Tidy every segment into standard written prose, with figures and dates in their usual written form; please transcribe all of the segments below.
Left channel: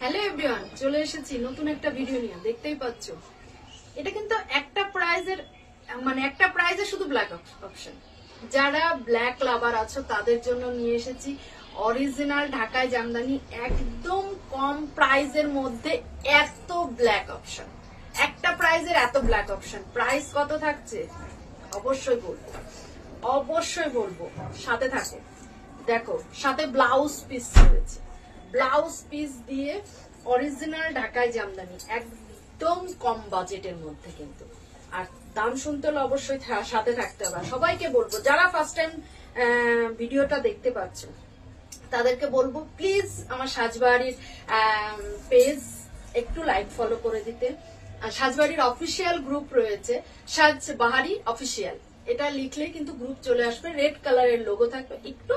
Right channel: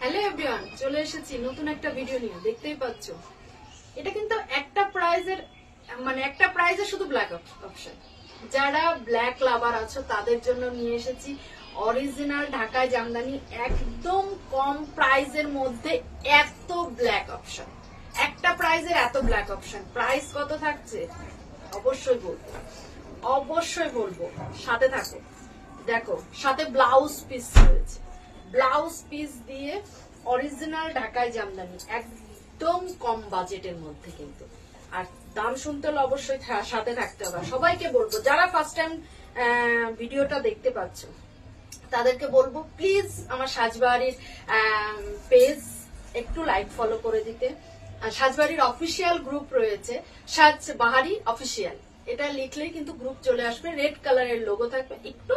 Hello everyone, চলে এসেছি নতুন একটা ভিডিও নিয়ে। দেখতেই পাচ্ছ এটা কিন্তু একটা প্রাইজে শুধু ব্ল্যাক অপশন। যারা ব্ল্যাক লাভার আছো তাদের জন্য নিয়ে এসেছি অরিজিনাল ঢাকায় জামদানি, একদম কম প্রাইজের মধ্যে এত ব্ল্যাক অপশন। একটা প্রাইজের এত ব্ল্যাক অপশন। প্রাইস কত থাকছে অবশ্যই বলবো, সাথে থাকো। দেখো সাথে ব্লাউজ পিস রয়েছে, ব্লাউজ পিস দিয়ে অরিজিনাল ঢাকায় জামদানি, একদম কম বাজেটের মধ্যে কিন্তু। আর দাম শুনতে হলে অবশ্যই সাথে থাকতে হবে। সবাইকে বলবো যারা ফার্স্ট টাইম ভিডিওটা দেখতে পাচ্ছ তাদেরকে বলবো প্লিজ আমার সাজবাড়ির পেজ একটু লাইক ফলো করে দিতে। সাজবাড়ির অফিসিয়াল গ্রুপ রয়েছে, সাজবাহারি অফিসিয়াল, এটা লিখলে কিন্তু গ্রুপ চলে আসবে, রেড কালারের লোগো থাকবে। একটু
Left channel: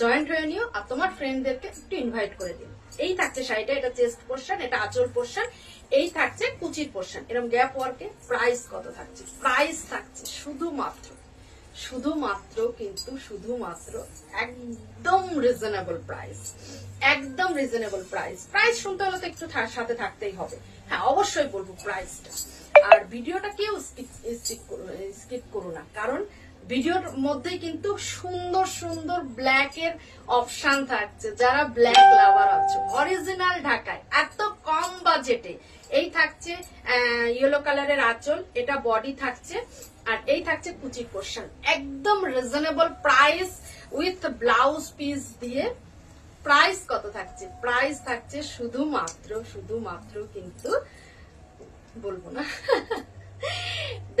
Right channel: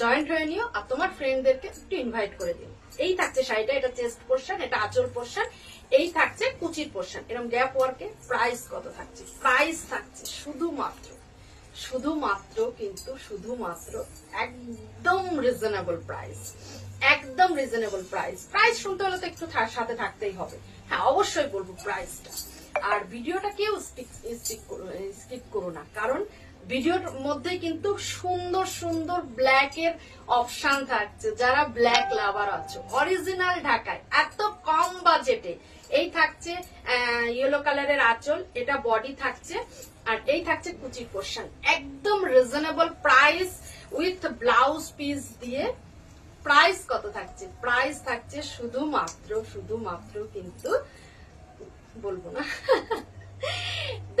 জয়েন্ট হয়ে নিও আর তোমার ফ্রেন্ডদেরকে একটু ইনভাইট করে দিও। এই থাকছে শাড়িটা, এটা চেস্ট পোর্শন, এটা আঁচল পোর্শন, এই থাকছে কুচির পোর্শন, এরকম গ্যাপ ওয়ার্কে। প্রাইস কত থাকছে? প্রাইস থাকছে শুধুমাত্র একদম রিজনেবল প্রাইস, একদম রিজনেবল প্রাইস। প্রাইস শুনতে হলে তো একটু সাথে থাকতেই হবে। হ্যাঁ অবশ্যই বলবো প্রাইসটা। আর ভিডিওটা কেউ স্কিপ করো না, কারণ ভিডিওর মধ্যে কিন্তু সুন্দর সুন্দর ব্ল্যাক এর অপশন থাকছে। যারা ব্ল্যাক লাভার আছো অরিজিনাল ঢাকায় এত কম বাজেটে, এই থাকছে ইয়েলো কালারের আঁচল, এটা বডি থাকছে, আর এই থাকছে কুচি পোর্শন, একদম reasonable price with blouse piece দিয়ে। প্রাইস কত থাকছে? প্রাইস থাকছে শুধুমাত্র কিন্তু বলবো না।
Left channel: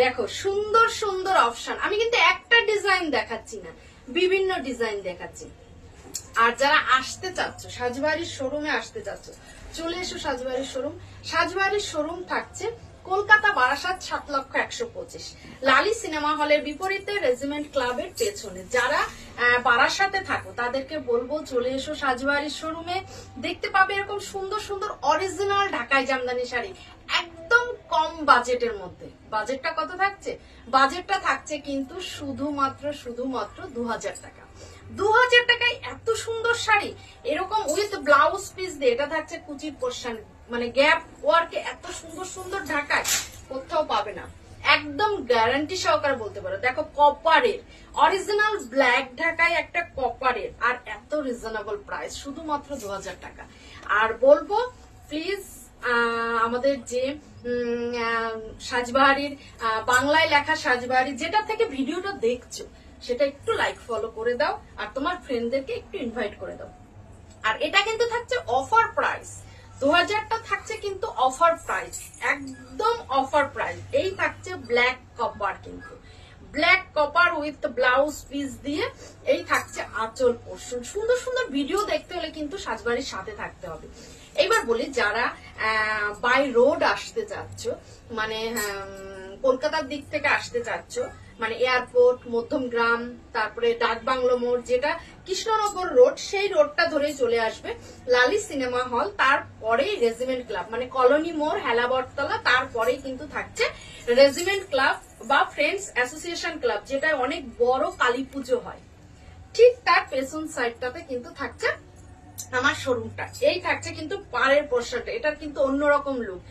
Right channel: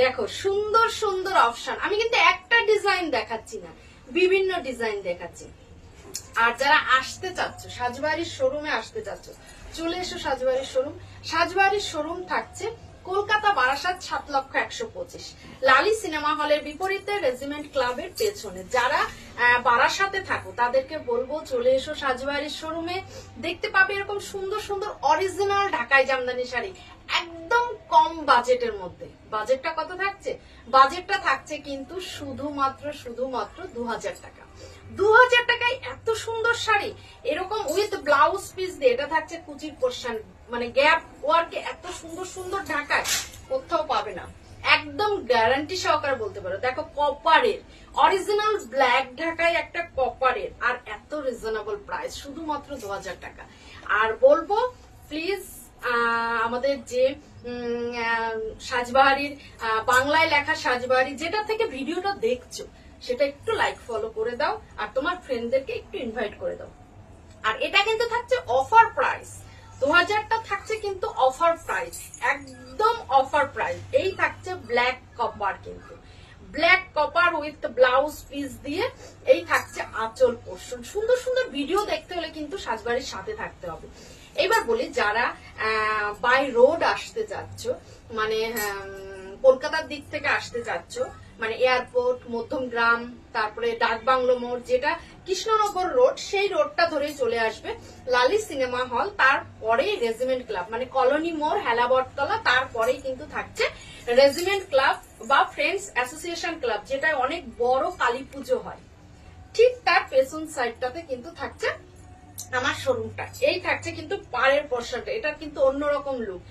দেখো সুন্দর সুন্দর অপশন, আমি কিন্তু একটা ডিজাইন দেখাচ্ছি না, বিভিন্ন ডিজাইন দেখাচ্ছি। আর যারা আসতে চাচ্ছ সাজবাড়ির শোরুমে আসতে চাচ্ছ, চলে এসো সাজবাড়ির শোরুম। সাজবাড়ির শোরুম থাকছে কলকাতা বারাসাত 7,125, লালি সিনেমা হলের বিপরীতে রেজিমেন্ট ক্লাবের পেছনে। যারা বারাসাতে থাকো তাদেরকে বলবো চলে এসো সাজবাড়ির শোরুমে, দেখতে পাবে এরকম সুন্দর সুন্দর অরিজিনাল ঢাকাই জামদানি শাড়ি একদম কম বাজেটের মধ্যে। বাজেটটা কত থাকছে? বাজেটটা থাকছে কিন্তু শুধুমাত্র 2000 টাকা। 2000 টাকায় এত সুন্দর শাড়ি, এরকম উইথ ব্লাউজ পিস দিয়ে, এটা থাকছে কুচির পোর্শন, মানে গ্যাপ ওয়ার্কে এত সুন্দর সুন্দর ঢাকায় কোথাও পাবে না, একদম গ্যারান্টি সহকারে বলতে পারো। দেখো কপারের অরিজিনাল ব্ল্যাক ঢাকায় একটা কপারের, আর এত রিজনেবল প্রাইস শুধুমাত্র 2000 টাকা। আর বলবো প্লিজ আমাদের যে সাজবাহারির বাংলায় লেখা সাজবাহারি, যেটা থেকে ভিডিওটা দেখছো সেটা একটু লাইক ফলো করে দাও আর তোমার ফ্রেন্ডদেরকে একটু ইনভাইট করে দাও। আর এটা কিন্তু থাকছে অফার প্রাইস, 2000টা থাকছে কিন্তু অফার প্রাইস, একদম অফার প্রাইস। এই থাকছে ব্ল্যাক কপার, কিন্তু black copper with blouse piece দিয়ে, এই থাকছে আঁচল পোর্শন। সুন্দর সুন্দর ভিডিও দেখতে হলে কিন্তু সাজবাড়ির সাথে থাকতে হবে। এবার বলি যারা বাই রোড আসতে চাচ্ছ, মানে কলকাতার দিক থেকে আসতে চাচ্ছ, মানে এয়ারপোর্ট, মধ্যমগ্রাম, তারপরে ডাকবাংলো মোড়, যেটা কৃষ্ণনগর রোড, সেই রোডটা ধরেই চলে আসবে লালি সিনেমা হল, তারপরেই রেজিমেন্ট ক্লাব, মানে কলোনি মোড়, হেলাবরতলা, তারপরেই কিন্তু থাকছে রেজিমেন্ট ক্লাব বা ফ্রেন্ডস অ্যাসোসিয়েশন ক্লাব, যেটা অনেক বড় কালী পুজো হয়, ঠিক তার পেছন সাইডটাতে কিন্তু থাকছে আমার শোরুমটা। এই থাকছে কিন্তু পাড়ের পোর্শনটা, এটা কিন্তু অন্যরকম লুক।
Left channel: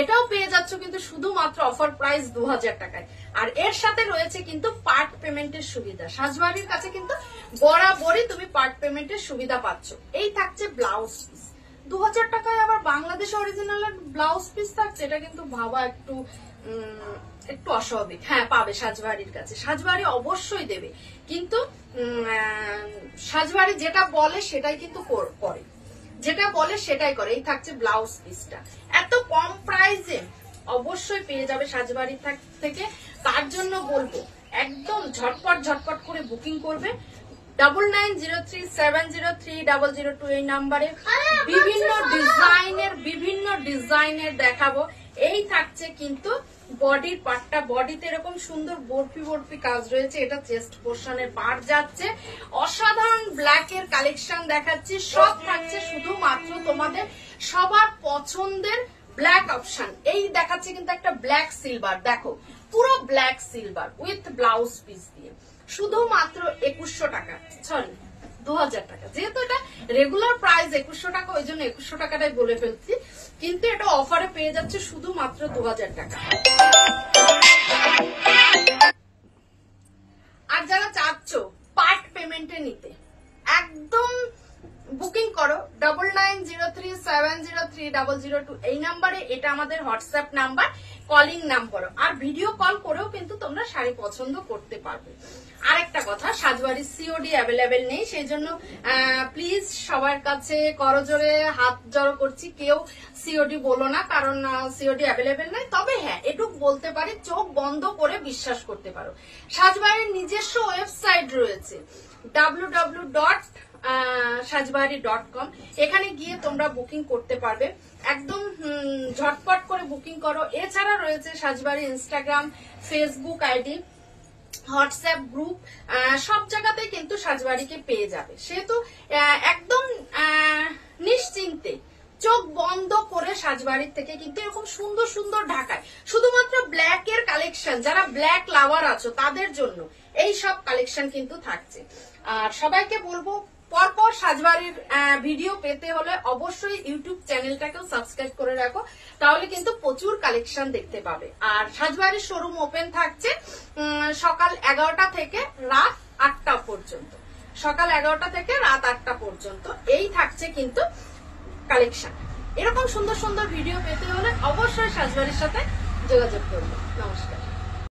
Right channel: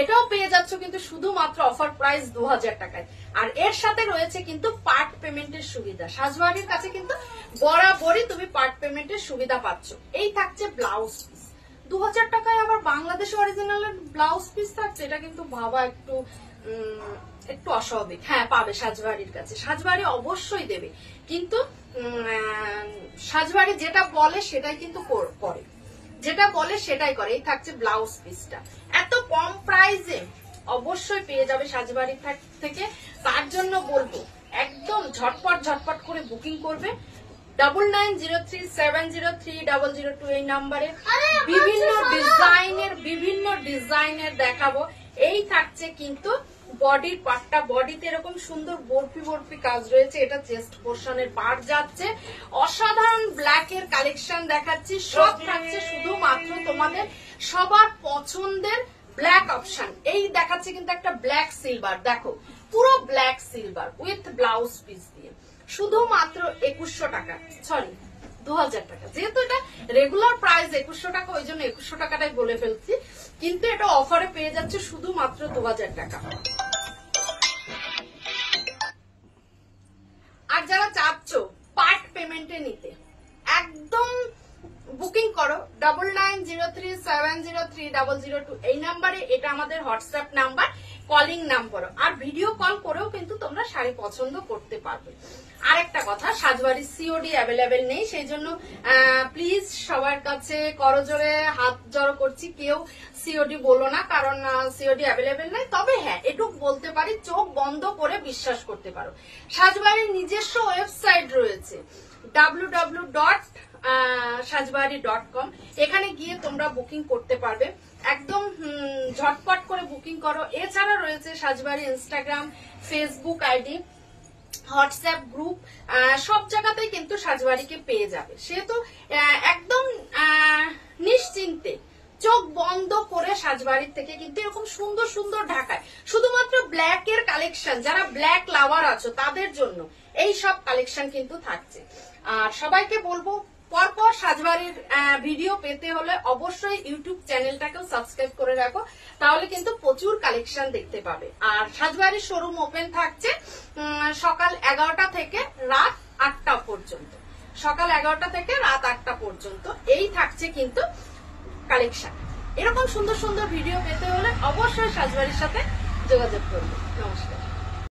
এটাও পেয়ে যাচ্ছ কিন্তু শুধুমাত্র অফার প্রাইস 2000 টাকায়। আর এর সাথে রয়েছে কিন্তু পার্ট পেমেন্টের সুবিধা। সাজবাড়ির কাছে কিন্তু বরাবরই তুমি পার্ট পেমেন্টের সুবিধা পাচ্ছ। এই থাকছে ব্লাউজ পিস 2000 টাকায়, আবার বাংলাদেশ অরিজিনাল ব্লাউজ পিস থাকছে, এটা কিন্তু ভাবা একটু অস্বাভাবিক। হ্যাঁ পাবে সাজবাড়ির কাছে, সাজবাড়ি অবশ্যই দেবে, কিন্তু সাজবাড়ি যেটা বলে সেটাই কিন্তু করে, যেটা বলে সেটাই করে। এই থাকছে ব্লাউজ পিসটা এত কম প্রাইসে, অবশ্যই পেয়ে যাবে সাজবাড়ি থেকে। তার জন্য বলবো একদম ঝটপট করে বুকিং করবে 9903703002 এই নাম্বারে। বিভিন্ন ডিজাইনের দেখাবো। এই থাকছে কিন্তু বডির পার্টটা, বডিতে এরকম সুন্দর বরফি কাজ রয়েছে, এটা চেস্ট পোর্শনের পার্ট যাচ্ছে। অসাধারণ ব্ল্যাক এর কালেকশন দেখাচ্ছি, সব থাকছে শুধুমাত্র তোমাদের সবার পছন্দের ব্ল্যাক অপশন। এই দেখাচ্ছে কিন্তু একটা ব্ল্যাক সিলভার, দেখো পুরো black silver with blouse piece দিয়ে, শুধুমাত্র 2100 টাকা, সরি 2000 টাকা। যেহেতু এটা রেগুলার প্রাইস 2100 টাকা, ওই জন্য 2100 টাকাটাই বলে ফেলছি, কিন্তু এটা অফারে পেয়ে যাচ্ছে শুধুমাত্র 2000 টাকা। আর যারা চাচ্ছ পার্ট পেমেন্টে নিতে, একদম বুকিং করো 9903703002 এই নাম্বারে। এটা আমাদের হোয়াটসঅ্যাপ নাম্বার, কলিং নাম্বার। আর ভিডিও কল করেও কিন্তু তোমরা শাড়ি পছন্দ করতে পারবে। আরেকটা কথা, সাজবাড়ির সিওডি অ্যাভেলেবেল নেই, সেই জন্য প্লিজ সবার কাছে করজোরে হাত জড়ো করছি, কেউ সিওডি বলো না, কারণ সিওডি অ্যাভেলেবেল নেই। তবে হ্যাঁ, এটুকু বলতে পারি, চোখ বন্ধ করে বিশ্বাস করতে পারো। সাজবাড়ির নিজস্ব ওয়েবসাইট রয়েছে www.sajbari.com, এখানে গিয়ে তোমরা বুকিং করতে পারবে, একদম ঝটপট করে বুকিং করো। এছাড়া রয়েছে Sajbari Instagram, Facebook ID, WhatsApp group, সব জায়গাতেই কিন্তু সাজবাড়িকে পেয়ে যাবে। সেহেতু একদম নিশ্চিন্তে চোখ বন্ধ করে সাজবাড়ির থেকে কিন্তু এরকম সুন্দর সুন্দর ঢাকায় শুধুমাত্র ব্ল্যাক এর কালেকশন, যারা ব্ল্যাক লাভার আছো তাদের জন্য এই সব কালেকশন কিন্তু থাকছে। আর সবাইকে বলবো, পরপর সাজবাড়ির ভিডিও পেতে হলে অবশ্যই ইউটিউব চ্যানেলটাকেও সাবস্ক্রাইব করে রাখো, তাহলে কিন্তু প্রচুর কালেকশন দেখতে পাবে। আর সাজবাড়ির শোরুম ওপেন থাকছে সকাল 11টা থেকে রাত 8টা পর্যন্ত। সকাল 11টা থেকে রাত 8টা পর্যন্ত এই থাকছে কিন্তু কালেকশন। এরকম সুন্দর সুন্দর ভিডিও পেতে হলে অবশ্যই সাজবাড়ির সাথে যোগাযোগ করবে। নমস্কার।